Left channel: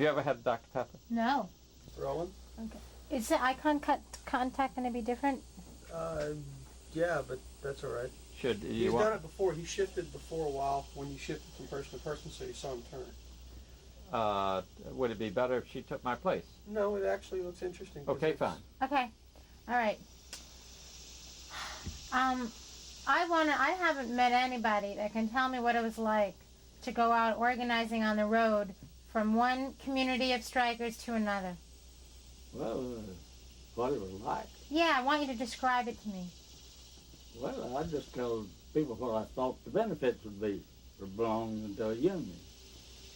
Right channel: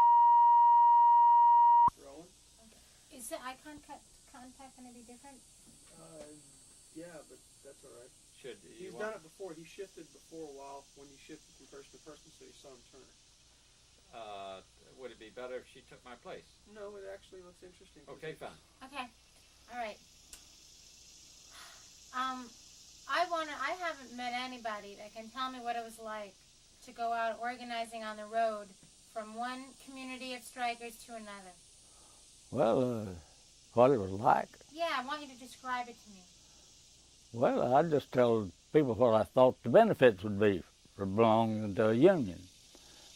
you ever had Dr. Pepper? No. Rolling? Okay. Is the contact going to be different? Yeah, but that's all right. He's done it before. He shifted before a while when you shifted from person to person, so you saw him turn. Would it be better if she took my place? No, it actually looks interesting. Okay, fine. Okay. All right. I haven't met anybody that can tell me what it was like to go out organizing on the road from one community of strikers to another. Well, what it was like? Yeah, I want you to describe it to me. Well, I just tell people what I thought the benefits would be for belonging to a union,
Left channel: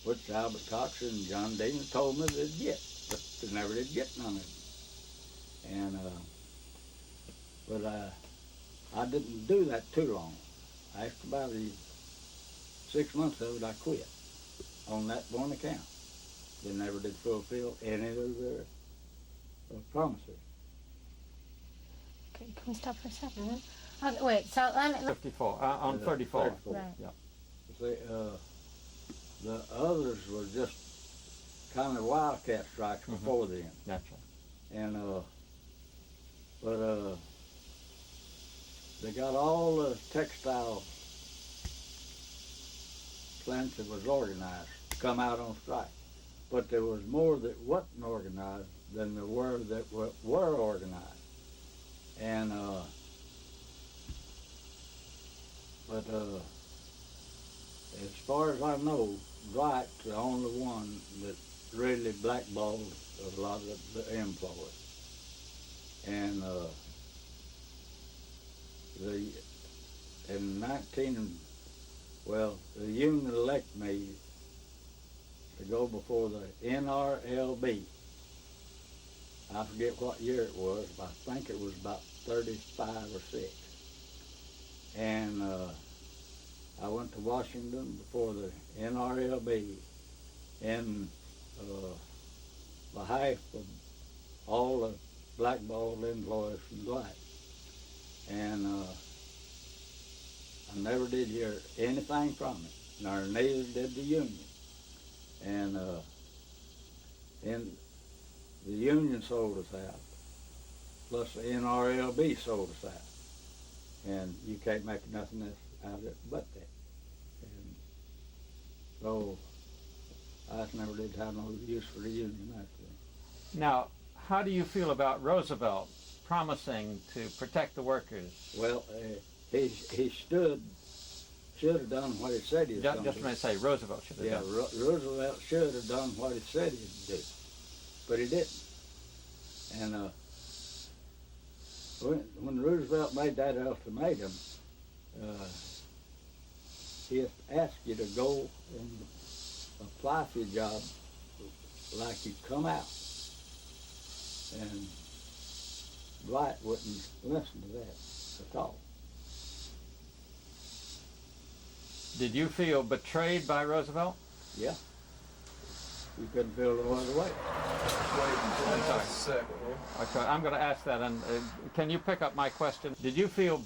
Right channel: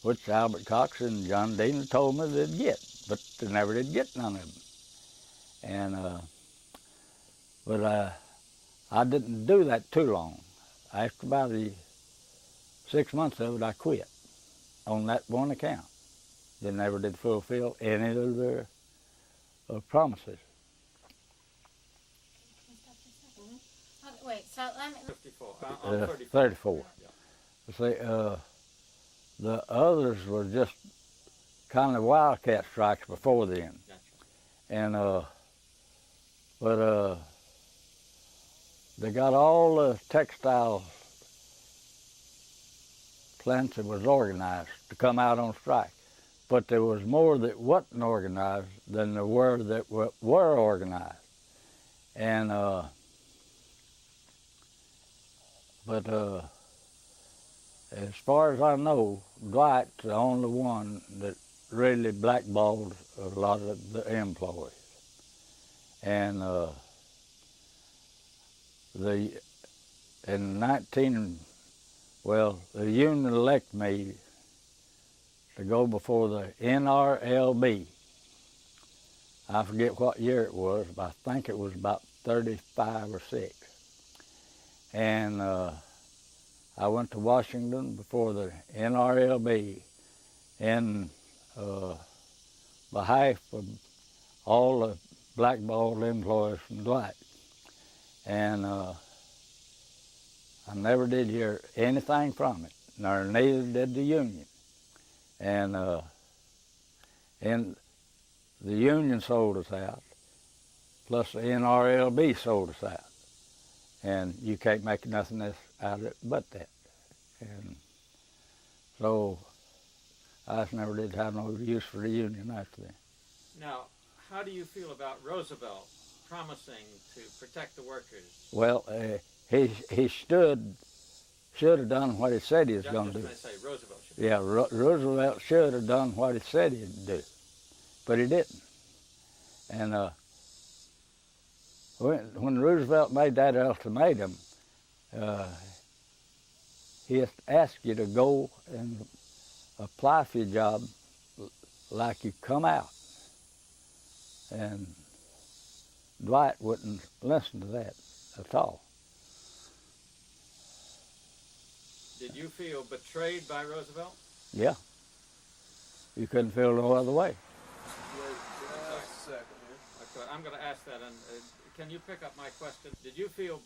which Albert Cox and John Dean told me they'd get, but they never did get none of them. And, I didn't do that too long. After about 6 months of it, I quit on that one account. They never did fulfill any of their promises. Okay, can we stop for a second? Mm-hmm. Okay, wait, so let me... 54. I'm 34. 34. Right. Yeah. See, the others were just kind of wildcat strikes before then. Naturally. And, they got all the textile plants that was organized to come out on strike. But there was more that wasn't organized than there were that were organized. And, as far as I know, Dwight's the only one that really blackballed a lot of the employees. And the union elected me to go before the NRLB. I forget what year it was, but I think it was about 35 or 6. And I went to Washington before the NRLB in behalf of all the blackballed employees from Dwight. And I never did hear anything from it, nor neither did the union. And the union sold us out, plus the NRLB sold us out. And you can't make nothing else out of it but that. And so I just never did have no use for the union after that. Now, how do you feel about Roosevelt promising to protect the workers? Well, he should have done what he said he was going to do. Just say Roosevelt should have. Yeah, Roosevelt should have done what he said he'd do, but he didn't. And when Roosevelt made that ultimatum, he asked you to go and apply for your job like you come out. And Dwight wouldn't listen to that at all. Did you feel betrayed by Roosevelt? Yeah. You couldn't feel no other way. Okay, I'm going to ask that. And can you pick up my question? Did you feel,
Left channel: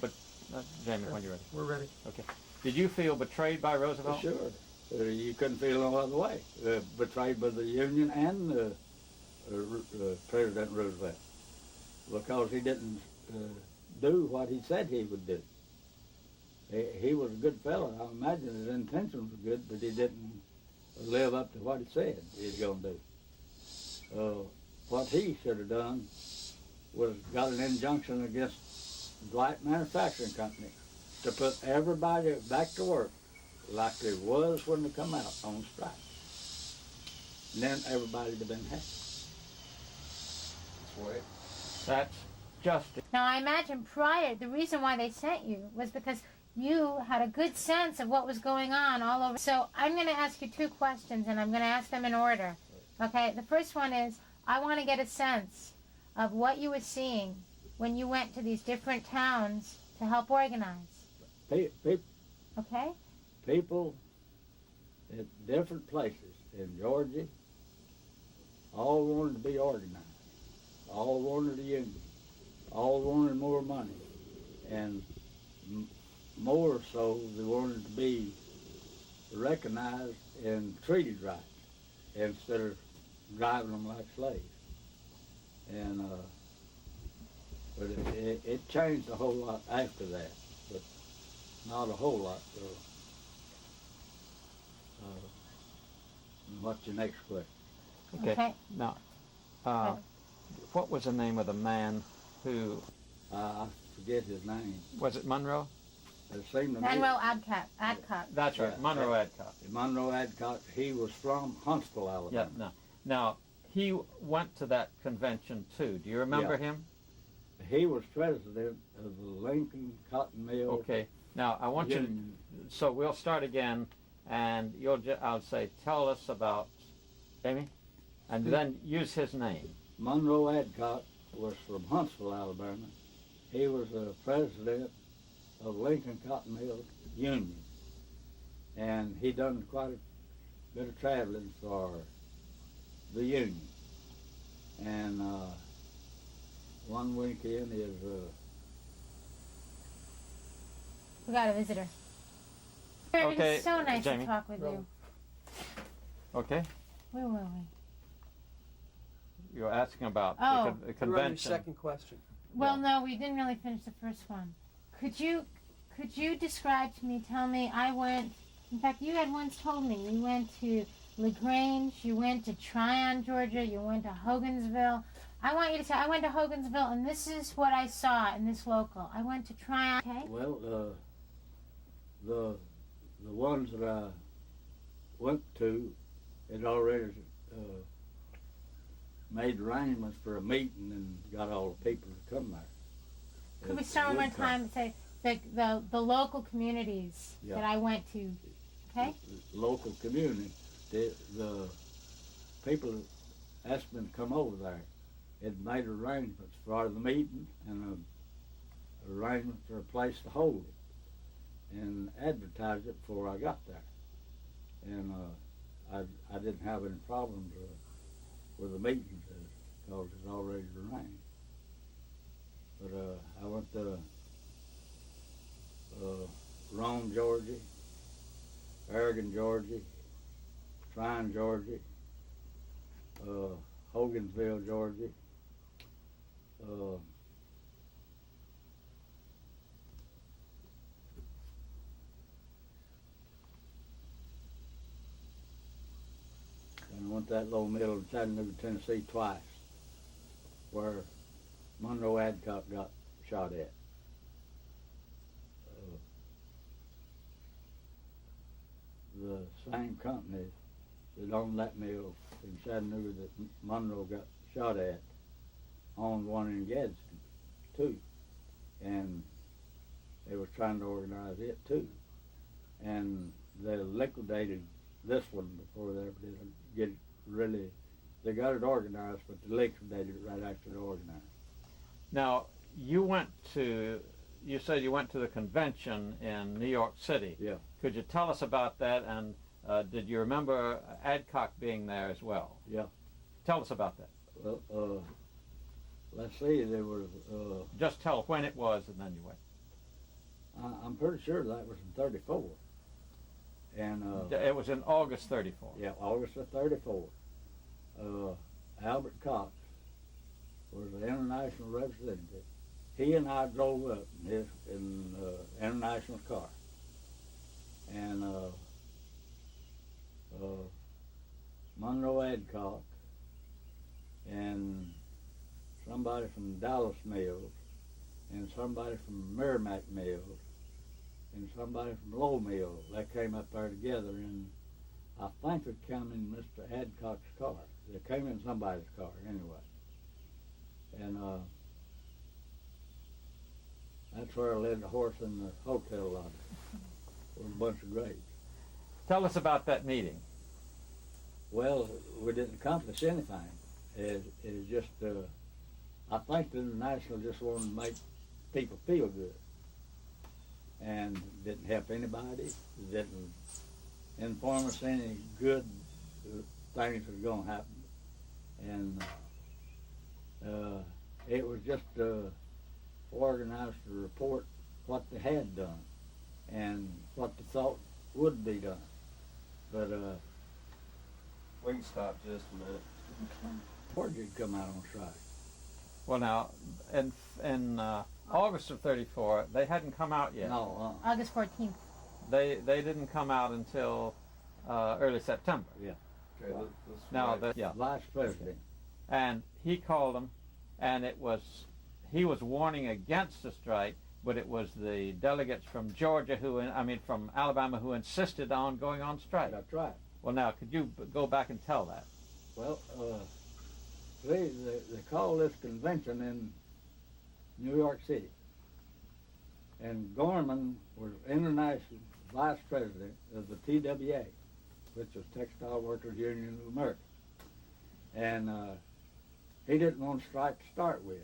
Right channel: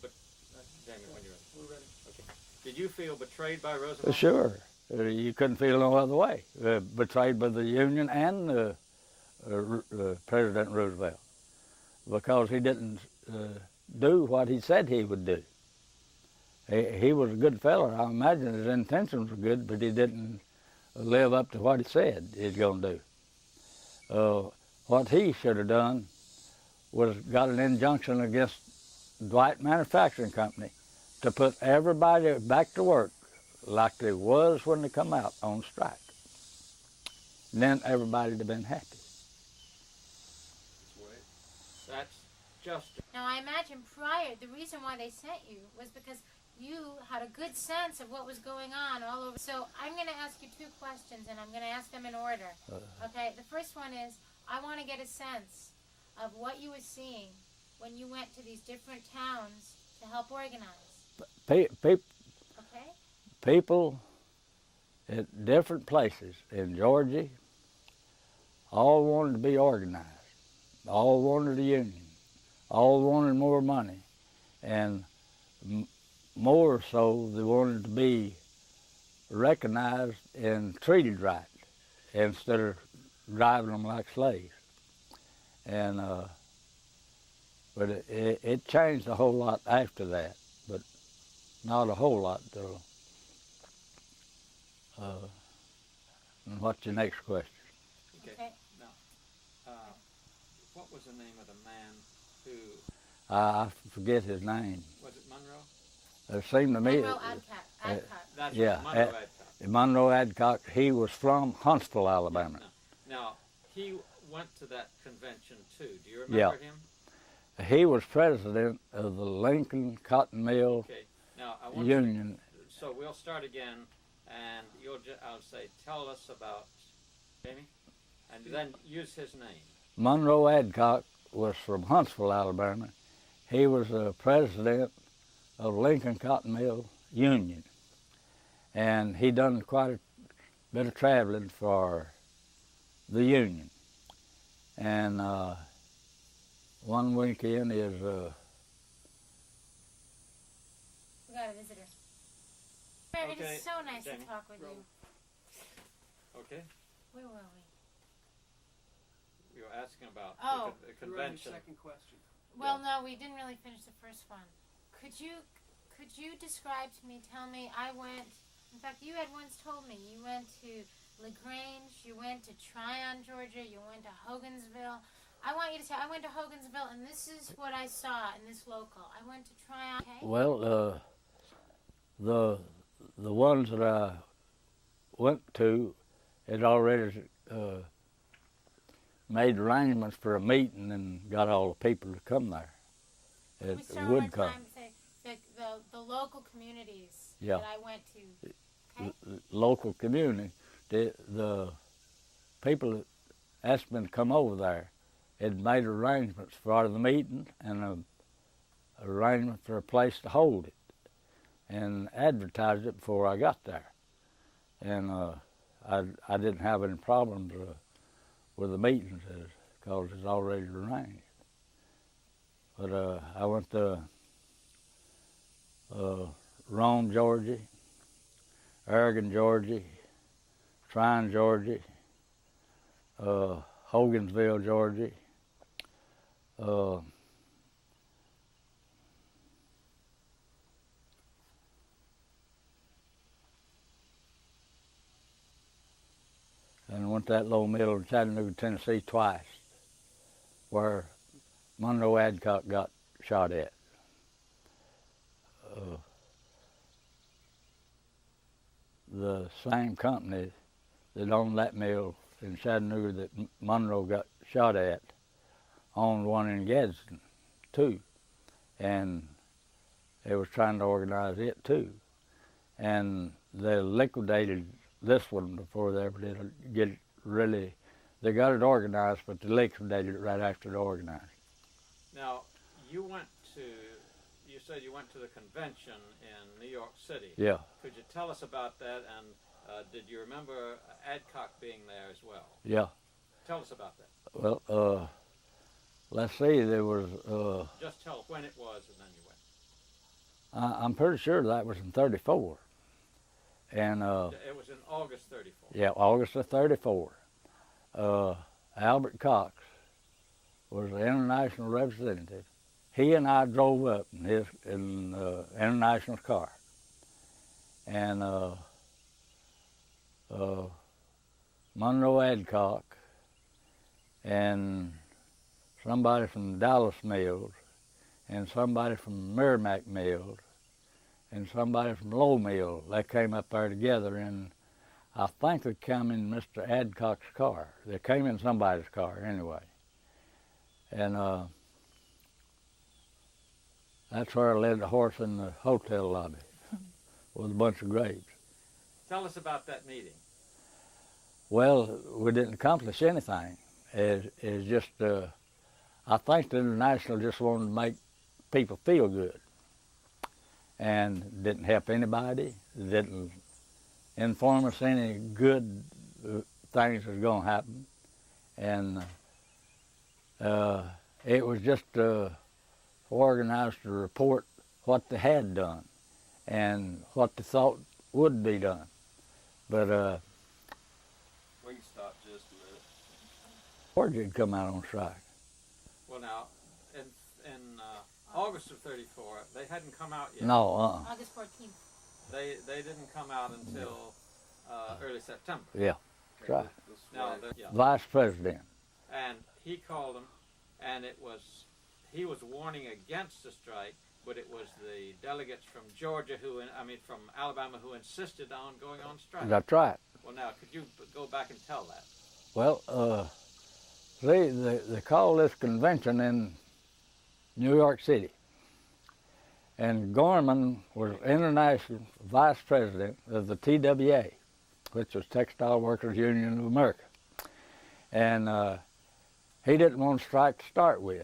Jamie, when you're ready. We're ready. Okay. Did you feel betrayed by Roosevelt? Sure. You couldn't feel no other way. Betrayed by the Union and President Roosevelt, because he didn't do what he said he would do. He was a good fellow. I imagine his intentions were good, but he didn't live up to what he said he's going to do. What he should have done was got an injunction against Dwight Manufacturing Company to put everybody back to work like they was when they come out on strike. And then everybody would have been happy. That's justice. Now, I imagine the reason why they sent you was because you had a good sense of what was going on all over. So I'm going to ask you 2 questions, and I'm going to ask them in order. Okay, the first one is, I want to get a sense of what you were seeing when you went to these different towns to help organize. Okay? People at different places in Georgia all wanted to be organized. All wanted a union. All wanted more money. And more so, they wanted to be recognized and treated right instead of driving them like slaves. And but it changed a whole lot after that, but not a whole lot though. And what's your next question? Okay. Now, Okay. what was the name of the man who, I forget his name. was it Monroe? It seemed to me. Monroe Adcock. That's Yeah, right, Monroe Adcock. Monroe Adcock, he was from Huntsville, Alabama. Yeah, no. Now, he went to that convention too. Do you remember him? He was president of the Lincoln Cotton Mill Okay. Now, I want Union. you to, so we'll start again, and I'll say, tell us about Amy, and then use his name. Monroe Adcock was from Huntsville, Alabama. He was the president of Lincoln Cotton Mill Union, and he done quite a bit of traveling for the Union. And one weekend is We got a visitor. Okay, It's so nice Jamie. to talk with you. Okay? Where were we? You're asking about Oh. the You're on your convention. second question. Well, no, we didn't really finish the first one. Could you describe to me, tell me, I went, in fact, you had once told me, you went to LaGrange, you went to Tryon, Georgia, you went to Hogansville. I want you to tell, I went to Hogansville, and this is what I saw in this local. I went to Tryon, okay? well, the ones that I went to had already made arrangements for a meeting and got all the people to come there. Can we start one time and say the local communities Yeah. that I went to, okay? Local community, the people that asked me to come over there had made arrangements for the meeting and an arrangement for a place to hold it and advertised it before I got there. And I didn't have any problems with the meetings because it's already arranged. But I went to Rome, Georgia, Oregon, Georgia, Tryon, Georgia, Hogansville, Georgia, and I went to that little mill in Chattanooga, Tennessee twice, where Monroe Adcock got shot at. The same company that owned that mill in Chattanooga that Monroe got shot at owned one in Gadsden too, and they was trying to organize it too, and they liquidated this one before they ever did get it really. They got it organized, but they liquidated it right after they organized. Now, you said you went to the convention in New York City. Yeah. Could you tell us about that, and did you remember Adcock being there as well? Yeah. Tell us about that. Well, let's see, there was, Just tell when it was, and then you went. I'm pretty sure that was in 34. And It was in August 34. yeah, August of 34. Albert Cox was the international representative. He and I drove up in international car, and Monroe Adcock and somebody from Dallas Mills and somebody from Merrimack Mills and somebody from Low Mill, they came up there together, and I think they came in Mr. Adcock's car. They came in somebody's car anyway. And that's where I led the horse in the hotel lobby with a bunch of grapes. Tell us about that meeting. Well, we didn't accomplish anything. It's just, I think the International just wanted to make people feel good, and didn't help anybody, didn't inform us any good things was going to happen, and it was just organized to report what they had done and what they thought would be done. But we can stop just a minute. Georgia had come out on strike. Well, now, in August of '34, they hadn't come out yet. No, August 14th. They didn't come out until early September. yeah, right. Now, Vice President. and he called them, and he was warning against the strike, but it was the delegates from Georgia from Alabama who insisted on going on strike. That's right. Well, now, could you go back and tell that? Well, they called this convention in New York City. And Gorman was international vice president of the TWA, which was Textile Workers Union of America. And he didn't want to strike to start with.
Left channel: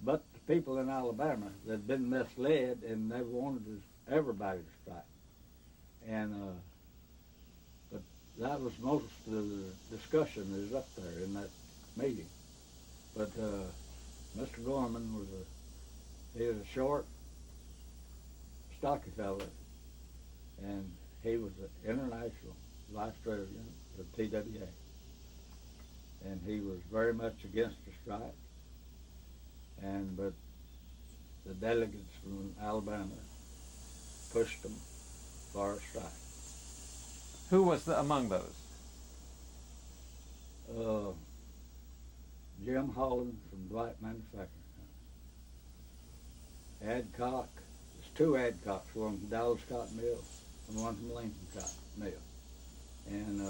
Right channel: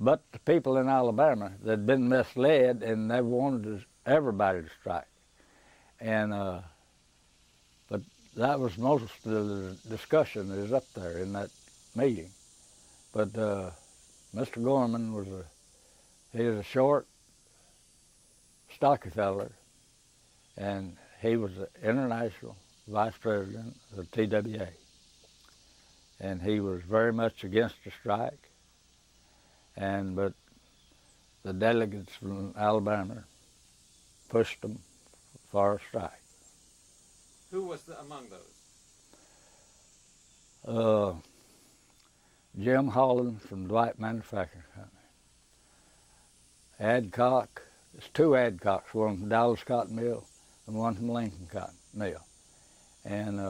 But the people in Alabama that had been misled, and they wanted everybody to strike. And but that was most of the discussion that was up there in that meeting. But Mr. Gorman was he was a short, stocky fella, and he was the international vice president of TWA. And he was very much against the strike. But the delegates from Alabama pushed them for a strike. Who was among those? Jim Holland from Dwight Manufacturing Company. Adcock, there's two Adcocks, one from Dallas Cotton Mill and one from Lincoln Cotton Mill. And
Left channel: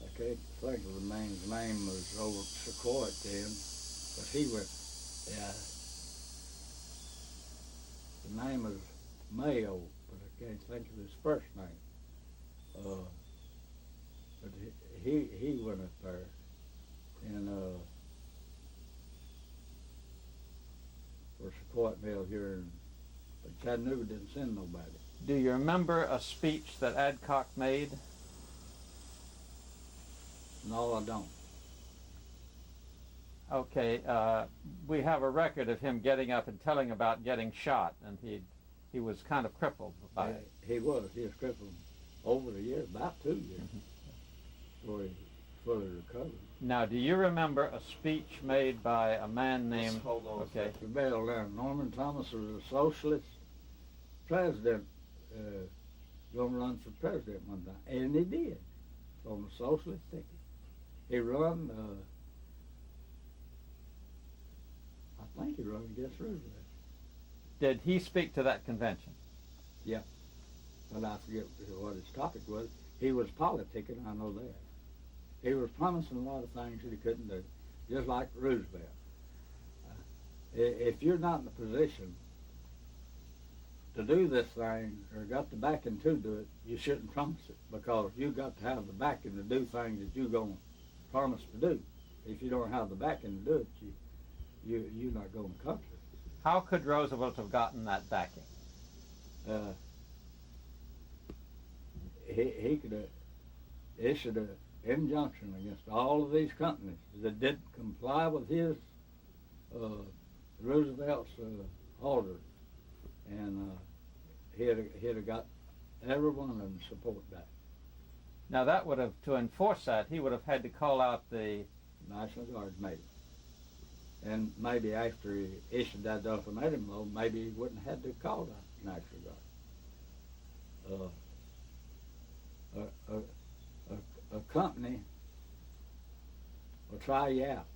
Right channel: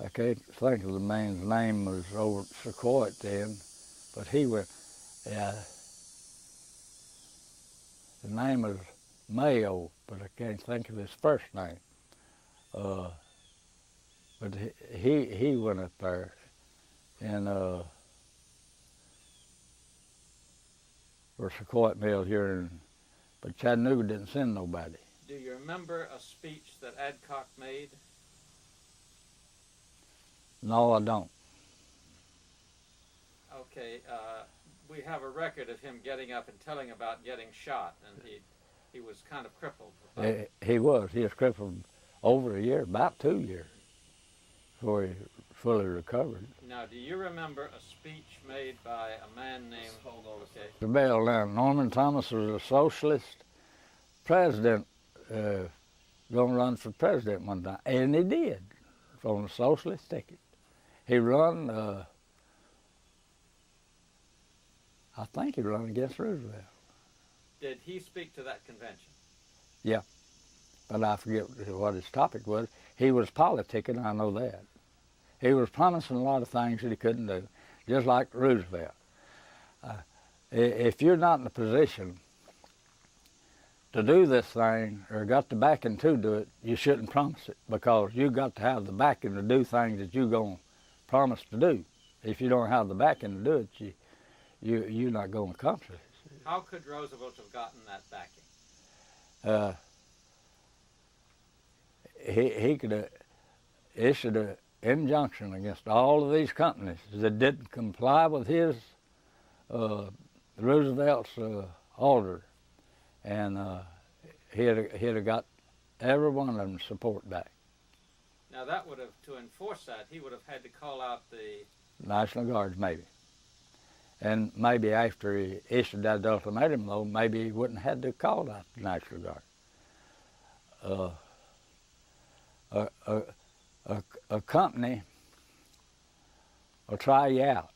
I can't think of the man's name, was over at Sequoia then, but he went, the name was Mayo, but I can't think of his first name. But he went up there, and for Sequoia Mill here, but Chattanooga didn't send nobody. Do you remember a speech that Adcock made? No, I don't. Okay, we have a record of him getting up and telling about getting shot, and he was kind of crippled. He was crippled over a year, about 2 years, before he fully recovered. Now, do you remember a speech made by a man named... Okay. The bell down. Norman Thomas was a socialist president, going to run for president one time, and he did, from a socialist ticket. He run, I think he run against Roosevelt. Did he speak to that convention? Yeah, but I forget what his topic was. He was politicking, I know that. He was promising a lot of things that he couldn't do, just like Roosevelt. If you're not in a position to do this thing or got the backing to do it, you shouldn't promise it, because you got to have the backing to do things that you're going to promise to do. If you don't have the backing to do it, you're not going to accomplish it. How could Roosevelt have gotten that backing? He could have issued an injunction against all of these companies that didn't comply with his Roosevelt's order, and he'd have got every one of them to support back. Now that would have, to enforce that, he would have had to call out the National Guards, maybe. And maybe after he issued that ultimatum, though, maybe he wouldn't have had to call out the National Guard. A company will try you out,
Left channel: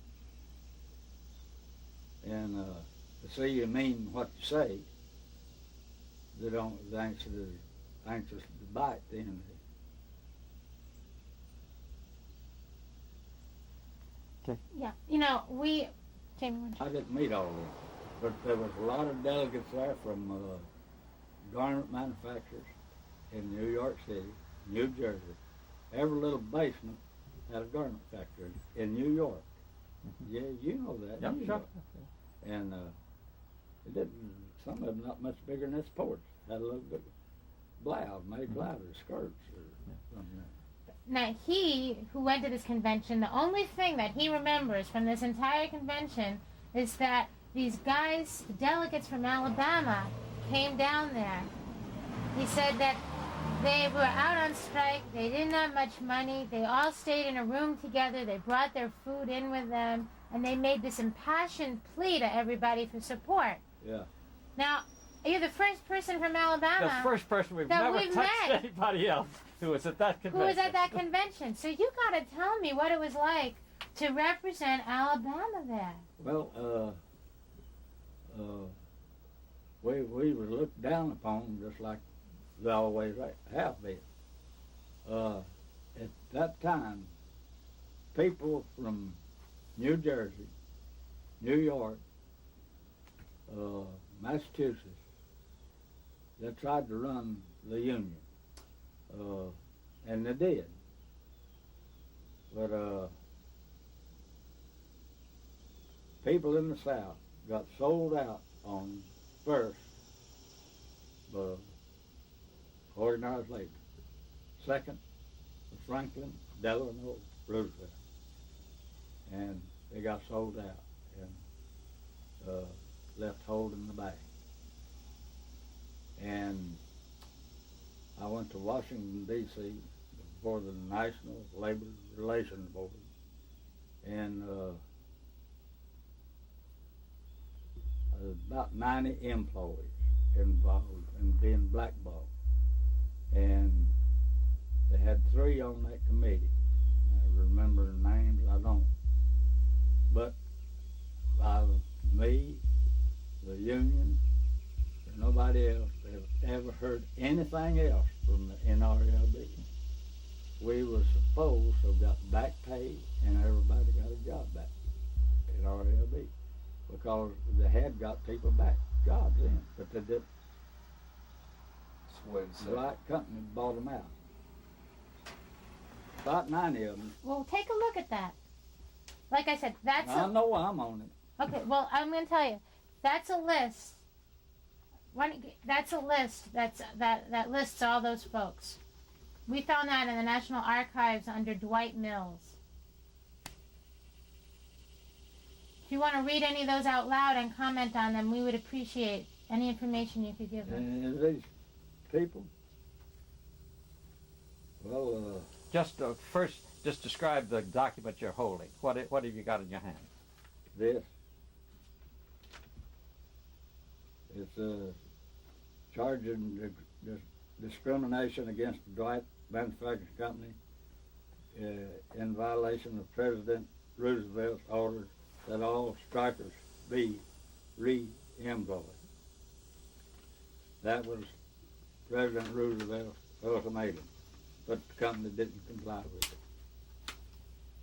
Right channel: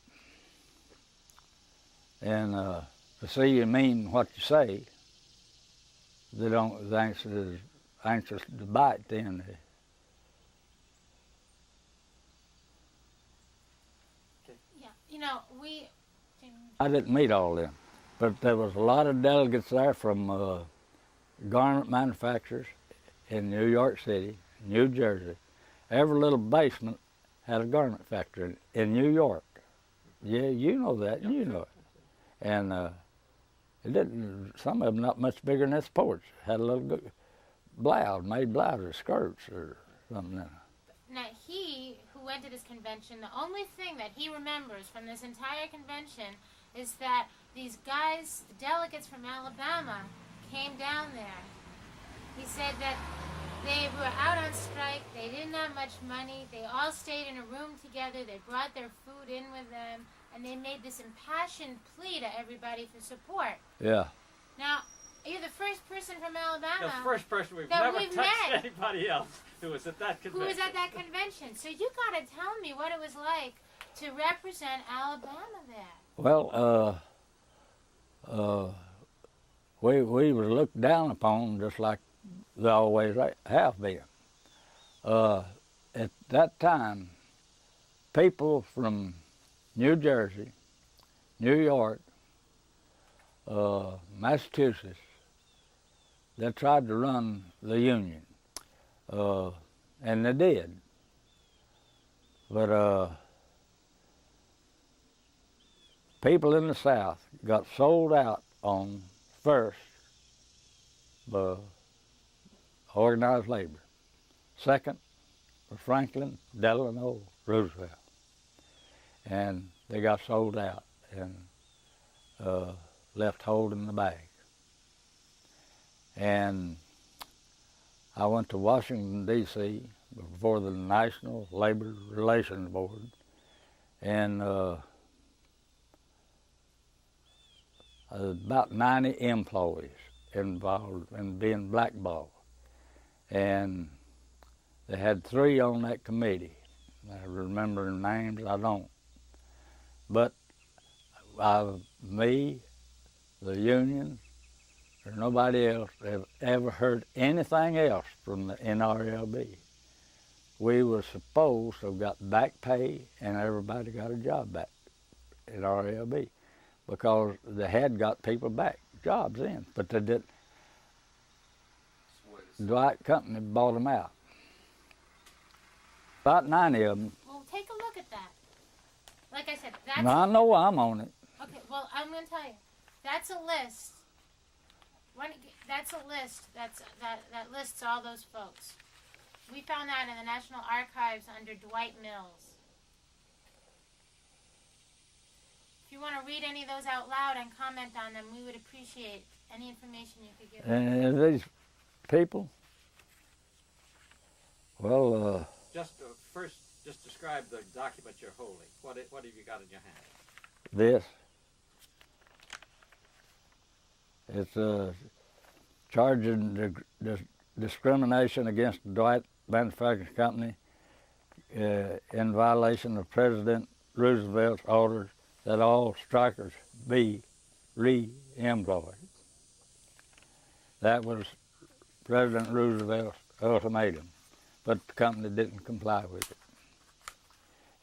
and to see you mean what you say, they're anxious to bite then. Yeah, you know, I didn't meet all of them, but there was a lot of delegates there from garment manufacturers in New York City, New Jersey. Every little basement had a garment factory in New York. Yeah, you know that. Yep, you know it. And it didn't. Some of them not much bigger than this porch. Had a little blouse, made blouses, skirts, or something. Now, he who went to this convention, the only thing that he remembers from this entire convention is that these guys, the delegates from Alabama, came down there. He said that They were out on strike. They didn't have much money. They all stayed in a room together. They brought their food in with them, and they made this impassioned plea to everybody for support. Yeah. Now, you're the first person from Alabama The first person we've that never we've touched met. anybody else who was at that convention. who was at that convention. So you got to tell me what it was like to represent Alabama there. Well, we were looked down upon just like they always have been. At that time, people from New Jersey, New York, Massachusetts, they tried to run the Union, and they did. But people in the South got sold out on first, organized labor. Second, Franklin Delano Roosevelt. And they got sold out and left holding the bag. And I went to Washington, D.C. before the National Labor Relations Board, and about 90 employees involved in being blackballed. And they had 3 on that committee. I remember names, I don't. But me, the union, or nobody else have ever heard anything else from the NRLB. We were supposed to have got back pay, and everybody got a job back at RLB because they had got people back, jobs in, but they didn't. The Dwight Company bought them out. About 90 of them. Well, take a look at that. Like I said, that's Now, I know I'm on it. okay, well, I'm going to tell you. That's a list. That's a list that lists all those folks. We found that in the National Archives under Dwight Mills. If you want to read any of those out loud and comment on them, we would appreciate any information you could give us. And these people, well, Just first, just describe the document you're holding. What have you got in your hand? this. It's charging discrimination against the Dwight Manufacturing Company in violation of President Roosevelt's orders that all strikers be re-employed. That was President Roosevelt's ultimatum, but the company didn't comply with it.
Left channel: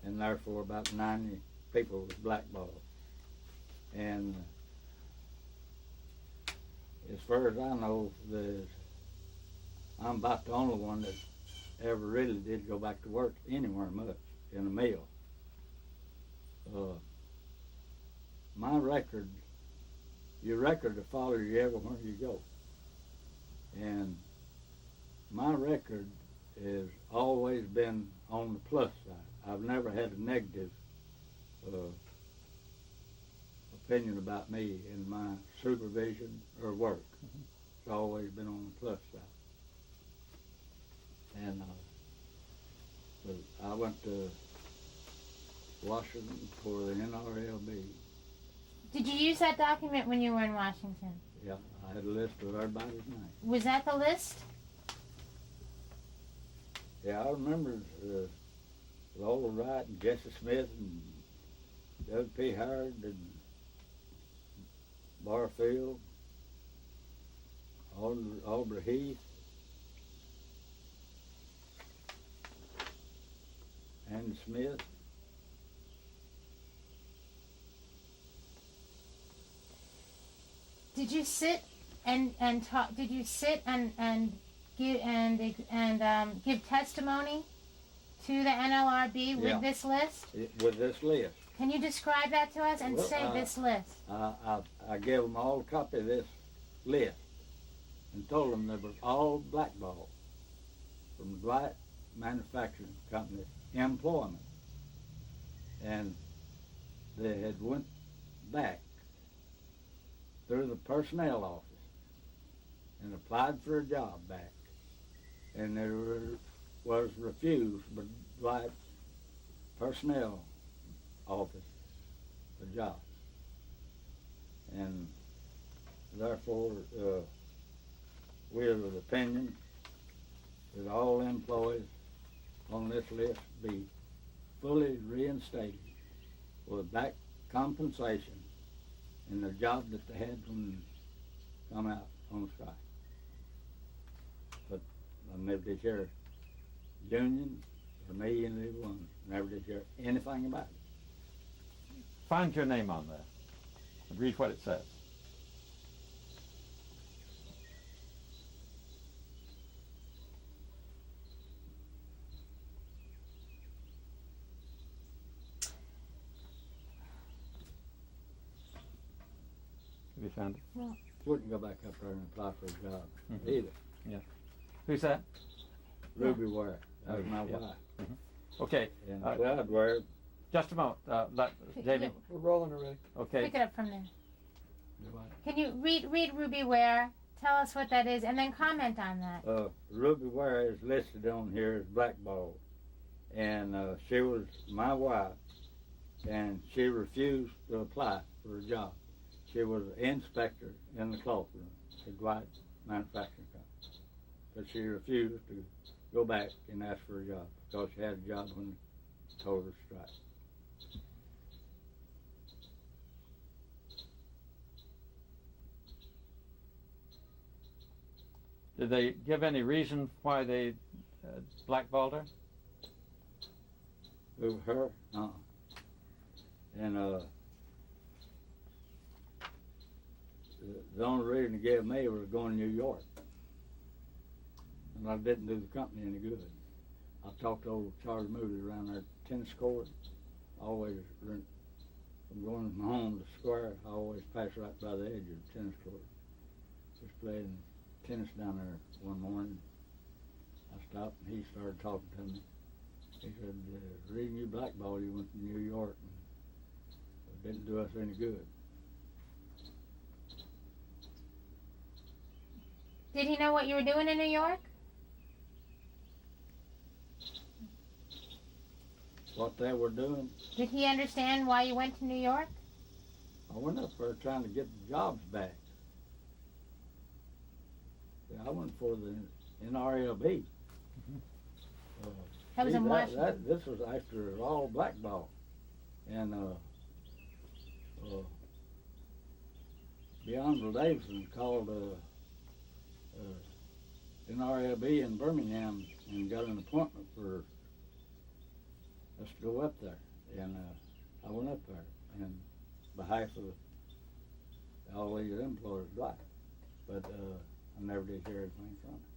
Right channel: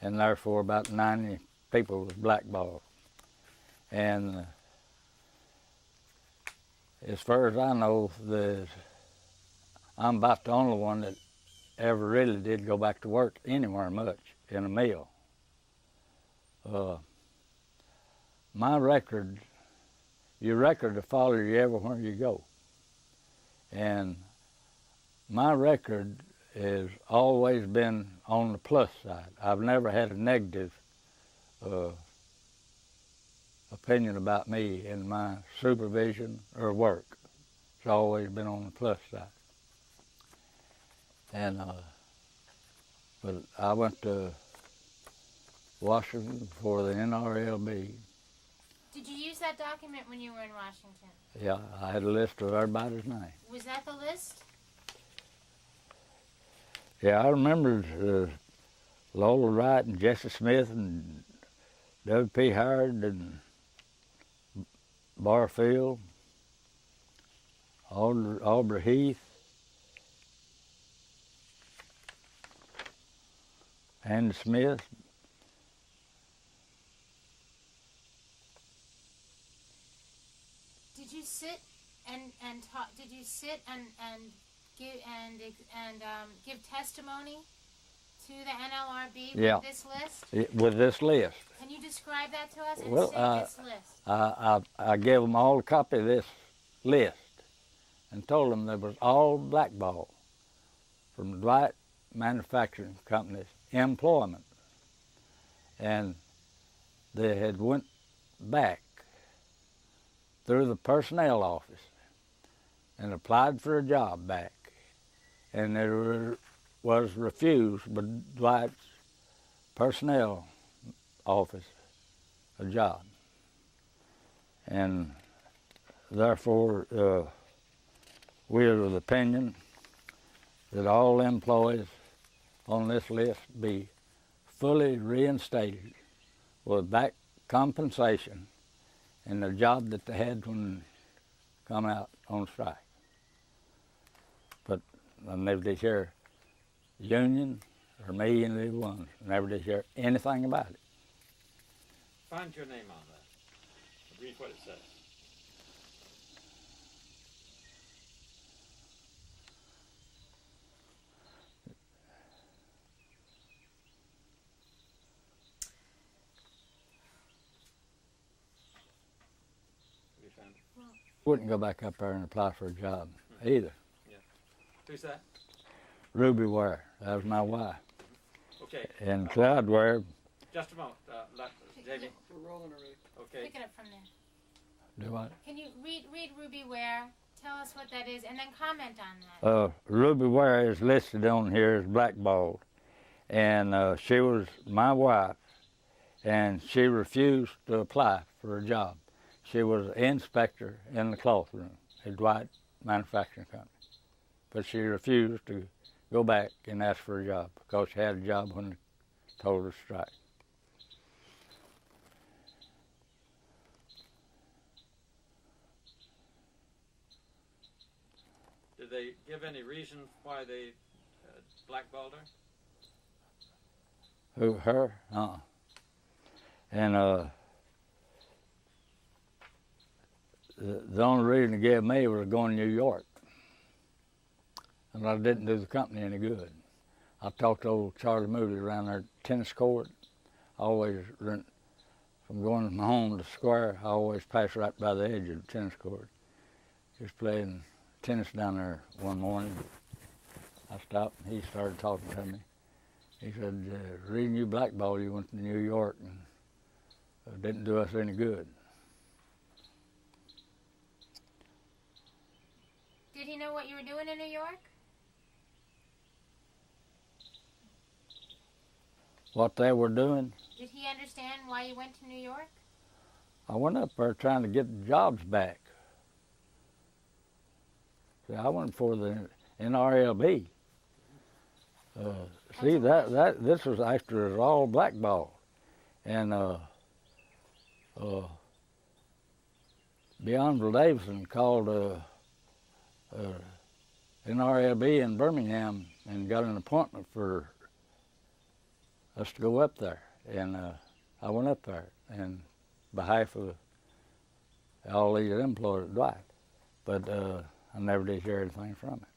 And therefore about 90 people was blackballed. And as far as I know, I'm about the only one that ever really did go back to work anywhere much in a mill. My record, your record will follow you everywhere you go. And my record has always been on the plus side. I've never had a negative opinion about me in my supervision or work. It's always been on the plus side. And but I went to Washington for the NRLB. Did you use that document when you were in Washington? Yeah, I had a list of everybody's name. Was that the list? Yeah, I remember Lola Wright and Jesse Smith and W.P. Howard and Barfield, Aubrey Heath, Andy Smith. Did you sit and talk? Did you sit and give testimony to the NLRB with this list? With this list. Can you describe that to us and Well, say this list? I gave them all a copy of this list and told them there was all blackball from Dwight Manufacturing Company's employment. And they had went back through the personnel office and applied for a job back. and it was refused by Dwight's personnel office a job. And therefore, we are of the opinion that all employees on this list be fully reinstated with back compensation in the job that they had when they come out on strike. But I never did hear union or me, any of the ones, never did hear anything about it. Find your name on there. Read what it says. Have you found it? Wouldn't go back up there and apply for a job either. Who's that? Ruby Ware, that was my wife. Okay. And Clyde Ware. Just a moment, Jamie. We're rolling already. Okay. Pick it up from there. Do what? Can you read Ruby Ware? Tell us what that is, and then comment on that. Ruby Ware is listed on here as blackballed, and she was my wife, and she refused to apply for a job. She was an inspector in the cloth room at Dwight Manufacturing Company, but she refused to go back and ask for a job because she had a job when they told her to strike. Did they give any reason why they blackballed her? Who, her? And the only reason they gave me was going to New York. And I didn't do the company any good. I talked to old Charlie Moody around their tennis court. I always, from going home to Square, I always passed right by the edge of the tennis court. Just playing tennis down there one morning. I stopped and he started talking to me. He said, reading you blackball, you went to New York and it didn't do us any good. Did he know what you were doing in New York? What they were doing? Did he understand why you went to New York? I went up there trying to get the jobs back. See, I went for the NRLB. See, this was after it was all blackball. And Beyond Davidson called NRLB in Birmingham and got an appointment for us to go up there. And I went up there in behalf of all these employees at Dwight. But I never did hear anything from it.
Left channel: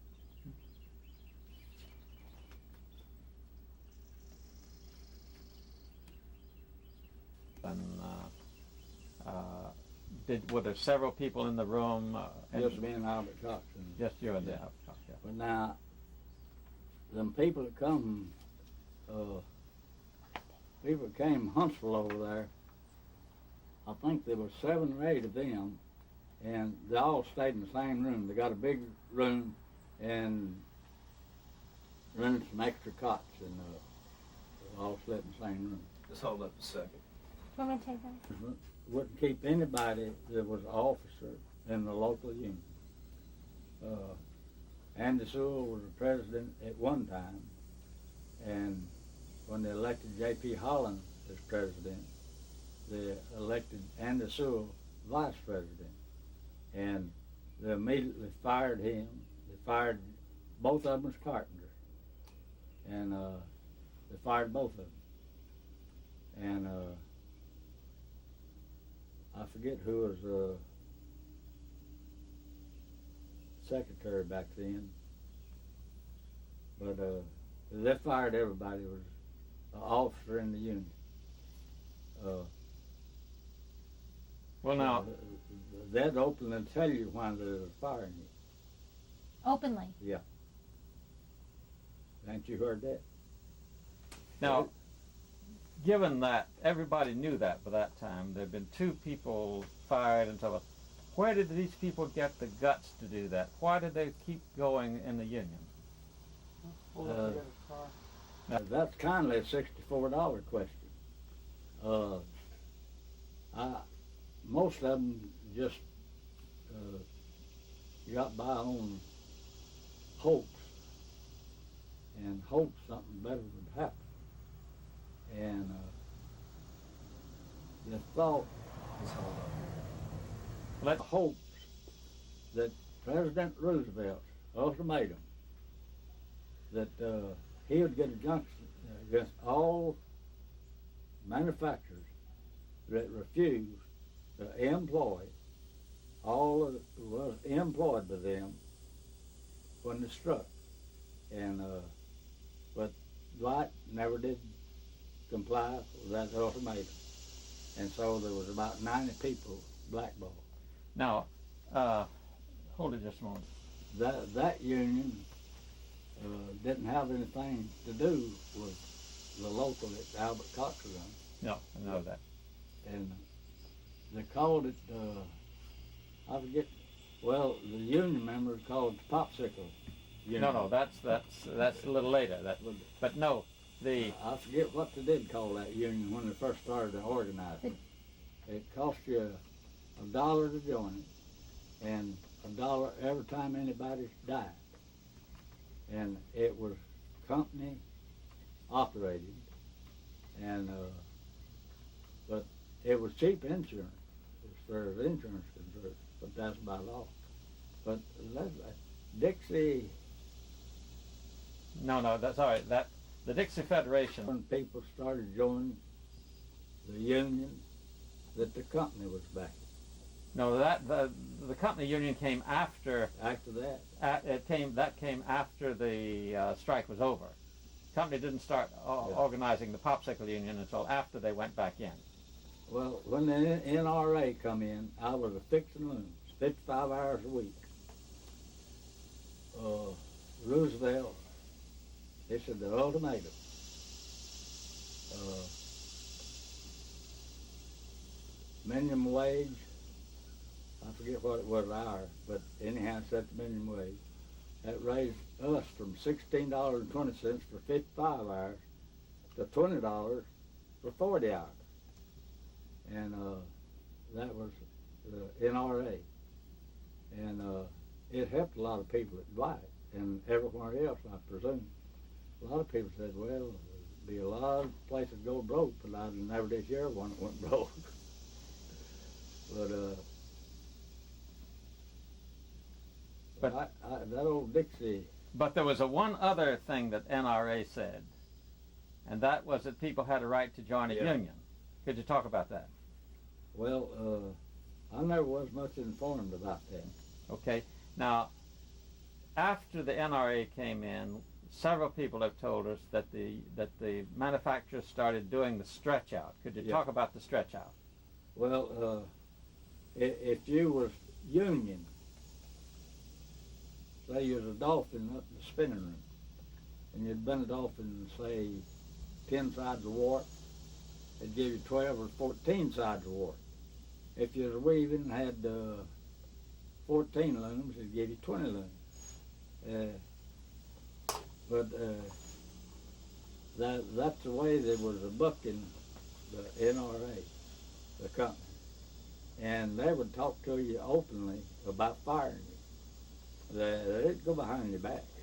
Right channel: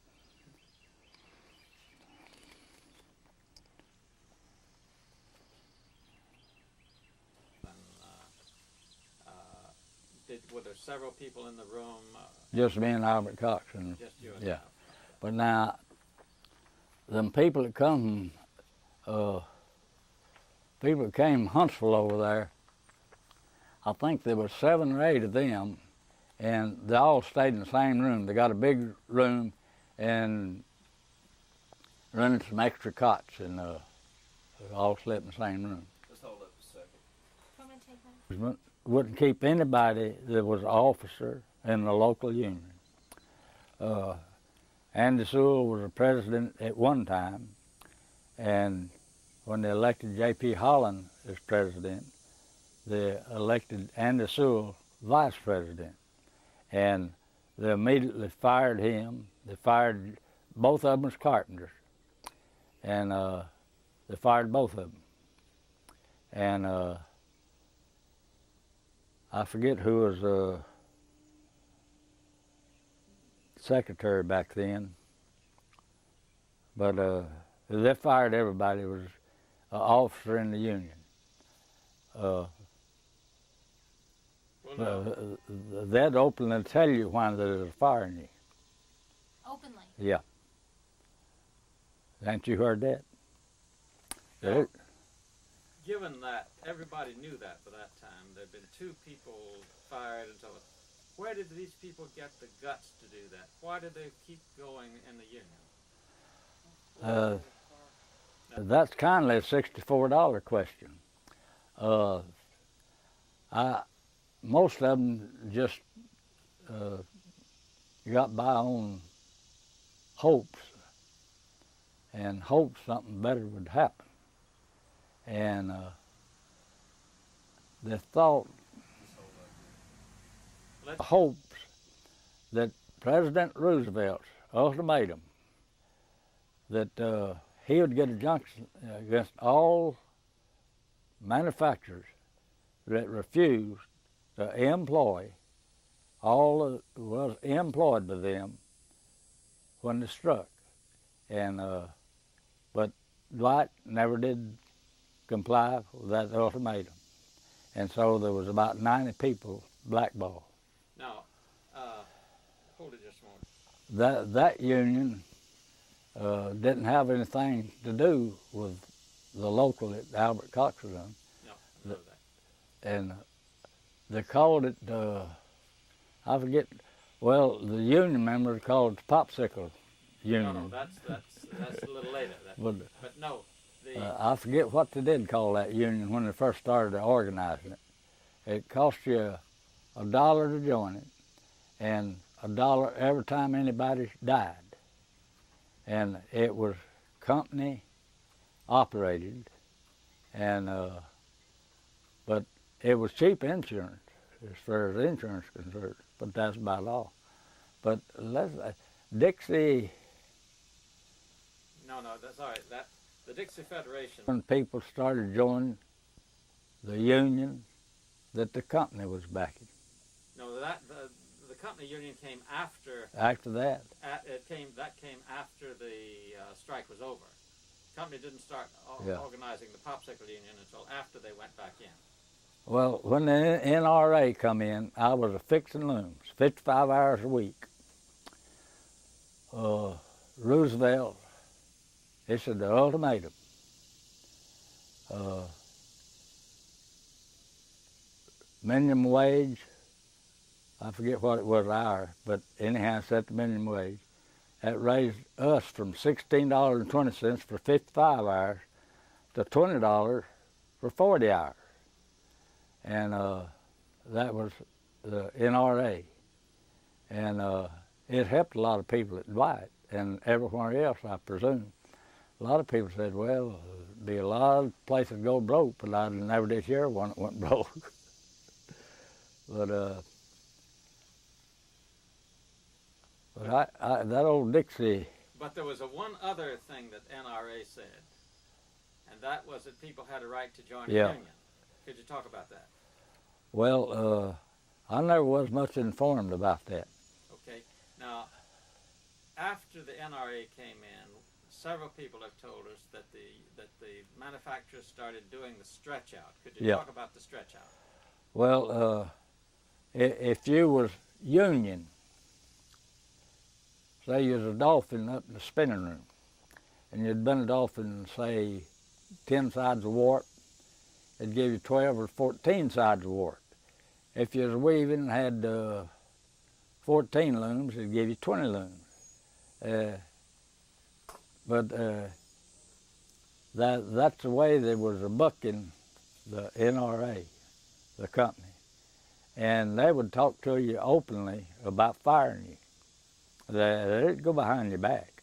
And were there several people in the room? Just me and Albert Cox. And, just you and yeah. Albert Cox, yeah. But now, them people that come, people that came Huntsville over there, I think there were 7 or 8 of them, and they all stayed in the same room. They got a big room and rented some extra cots, and they all slept in the same room. Just hold up a second. Want me to take that? Wouldn't keep anybody that was an officer in the local union. Andy Sewell was a president at one time, and when they elected J.P. Holland as president, they elected Andy Sewell vice president. And they immediately fired him. They fired both of them as carpenters. And they fired both of them. And I forget who was secretary back then, but they fired everybody who was an officer in the union. Well, now, they'd openly tell you why they were firing you. Openly? Yeah. Haven't you heard that? now, given that everybody knew that by that time, there had been 2 people fired and so on. Where did these people get the guts to do that? Why did they keep going in the union? That's kindly a $64 question. Most of them just got by on hopes and hoped something better would happen. And they thought, hopes that President Roosevelt's ultimatum that he would get a junction against all manufacturers that refused to employ all that was employed by them when they struck. And but Dwight never did comply with that ultimatum. And so there was about 90 people blackballed. Now, hold it just a moment. That union didn't have anything to do with the local that Albert Cox was on. No, I know that. And they called it, I forget, well, the union members called it the Popsicle Union. No, that's a little later. But no, I forget what they did call that union when they first started organizing it. It cost you $1 to join it, and $1 every time anybody died. And it was company operated, and but it was cheap insurance as far as insurance is concerned. But that's about all. But Dixie. No, that's all right. The Dixie Federation. When people started joining the union that the company was backing. No, the company union came after. After that. That came after the strike was over. The company didn't start organizing the Popsicle Union until after they went back in. Well, when the NRA come in, I was fixing looms, 55 hours a week. Roosevelt issued the ultimatum. Minimum wage, I forget what it was an hour, but anyhow, set the minimum wage. That raised us from $16.20 for 55 hours to $20 for 40 hours. And that was the NRA. And it helped a lot of people at Dwight and everywhere else, I presume. A lot of people said, well, there'd be a lot of places go broke, but I never did hear one that went broke. But that old Dixie. But there was one other thing that NRA said, and that was that people had a right to join a union. Could you talk about that? Well, I never was much informed about that. Okay. Now, after the NRA came in, several people have told us that the manufacturers started doing the stretch out. Could you talk about the stretch out? Well, if you was union, say you was a dolphin up in the spinning room, and you'd been a dolphin, say, 10 sides of warp, it'd give you 12 or 14 sides of warp. If you was weaving and had 14 looms, it'd give you 20 looms. But that's the way there was a buck in the NRA, the company. And they would talk to you openly about firing you. They'd go behind your back.